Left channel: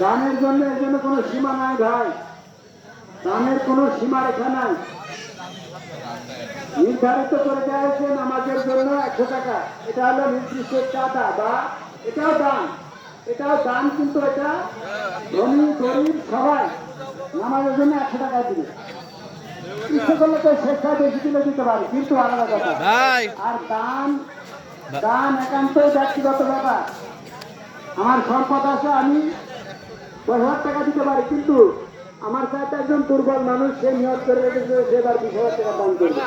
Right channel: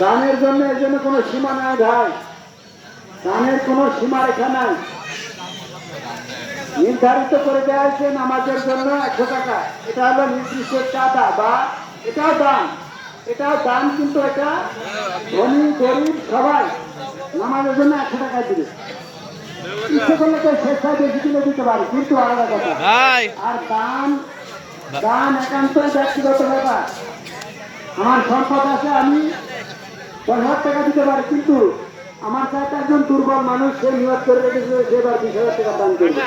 দানের জন্য এর জন্য কোনো সীমা নাই ভাই, দানের কোনো সীমারেখা নাই। নির্ধারিত করে দেওয়া হয়েছে নামাজের জন্য 100 টাকা, এটা হলো নির্দিষ্ট চাঁদা বা এটাও দান, এটাও দান, কিন্তু এটা ধনী গরিব সবাই নামাজের জন্য 100 টাকা দিবে। ইচ্ছে করলে তো স্বেচ্ছায় বেশি দিলে দিতে পারি, কিন্তু আলাদা কথা। আর দান, দান একান্তই ব্যক্তিগত ব্যাপার। আমার সম্পদ আছে, আমি 10,000 টাকা দিতে পারি, কিন্তু আমার কাছে একজন দুর্বল মানুষ, সে নিয়ত করে রেখেছে সেবার 20,000 টাকা দান করবে।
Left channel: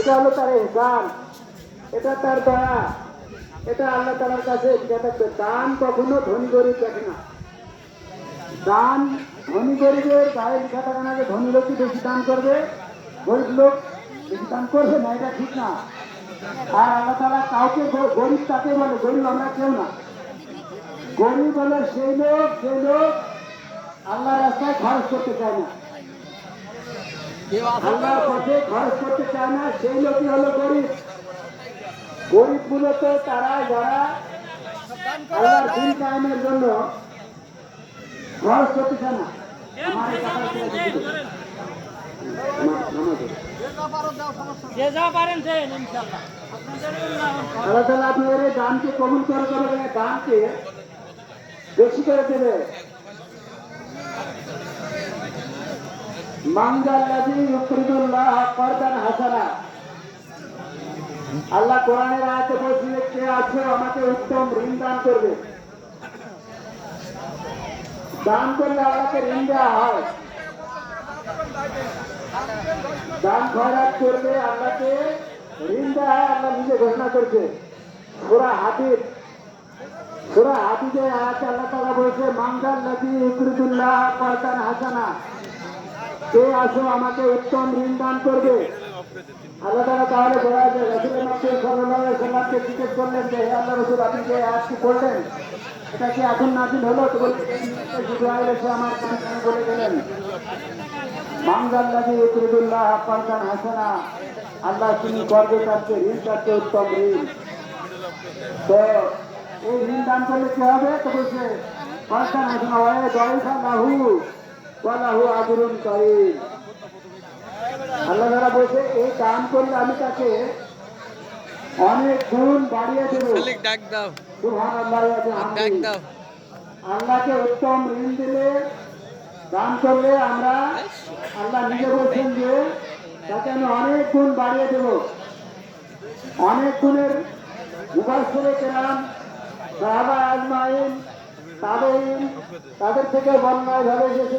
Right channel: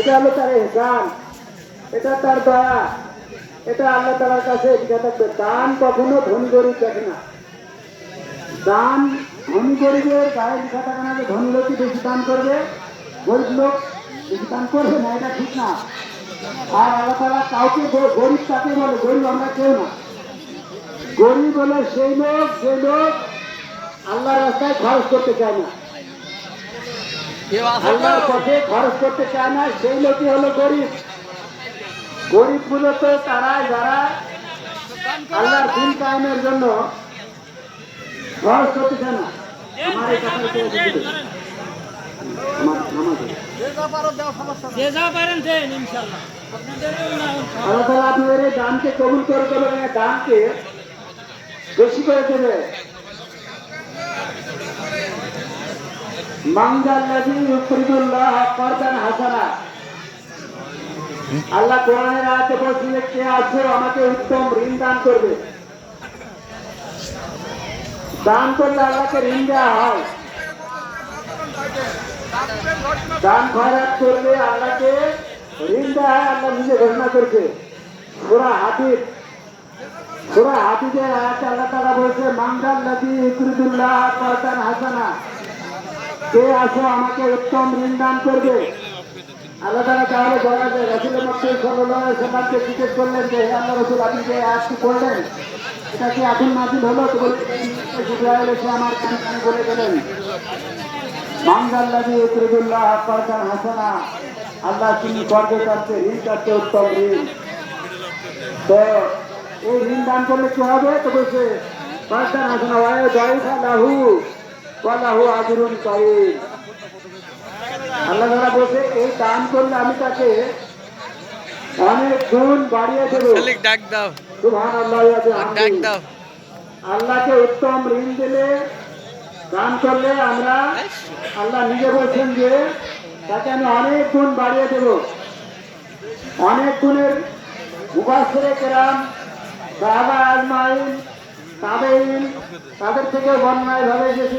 এটা হলো তার ইহসান, এটা তার দয়া, এটা আল্লাহ তাআলার কাছে থাকবে। দান কখনো ধনী গরিব দেখে না। দান ধনী গরিবের গায়ে লেখা থাকে না যে ধনী লোকই বেশি দান করবে, গরিব লোক বেশি দান করবে না, এটা ঠিক না। আর আল্লাহ তাআলা কাউকে গরিব তাকে বলে, গরিব আমরা কেউ না। গরিব হলো সেই লোক যে লোক আল্লাহ রাস্তায় খরচ করতে চায় না, আল্লাহর পথে খরচ করতে চায় না, সেই লোকই হলো গরিব। গরিব মূলত তারা যারা আল্লাহর দিন কায়েমের জন্য খরচ করতে চায় না। আমার এই কথা আল্লাহ তাআলা আপনাদের এই দানকে কবুল করে দেবেন, দানকে বেশি করে দেবে। মানজাল্লাযী ইউকরিদুল্লাহ কারদান হাসানা, আল্লাহ কোরআনের আয়াতে বলছেন, কে আছে আমাকে উত্তম ঋণ দান করবে। দান করলে আল্লাহকে ঋণ দেওয়া হয়। দান খয়রাত করলে আল্লাহকে ঋণ দেওয়া হয়, আল্লাহ নিজে ঘোষণা করছে। সূরা হাফিজে আয়াতে আল্লাহ তাআলা বলছে, মানজাল্লাযী ইউকরিদুল্লাহ কারদান হাসানা, কে আছে আমাকে উত্তম ঋণ দান করবে। আল্লাহ তাআলা তাহলে রাসূল সাল্লাল্লাহু আলাইহি ওয়াসাল্লামকে জিজ্ঞেস করলেন যে, হে আল্লাহর রাসূল, আপনি যে আয়াতটি পড়লেন এটা কি এখন নাযিল হলো? তো বলে জিবরাইল এসে আমার কানে কানে বলে গেলেন, মানজাল্লাযী ইউকরিদুল্লাহ কারদান হাসানা, আল্লাহ তিনি করবে কাছে ঋণ কাছে উত্তম ঋণ। তো এই ঋণ দান করলে কি হবে? তো বলছে কারদান হাসানা ওয়া যায়ফা লাহু ওয়া লাহু আজরুন কারীম। আল্লাহ তাআলা বলছে এই দান করলে আমি তাকে অনেক গুণ বাড়িয়ে দেব। সুবহানাল্লাহ ওয়া বিহামদিহি। আল্লাহকে উত্তম ঋণ দিলে, দান করলে আমরা, আল্লাহ নিজে বলছেন যে তাকে আমি অনেক গুণ বাড়িয়ে দেব। অনেক গুণের মুফাসসিরে কেরাম, সাহাবা আজমাইন, তাবেঈন, তাদের থেকে বর্ণনায় ভাবে এসেছে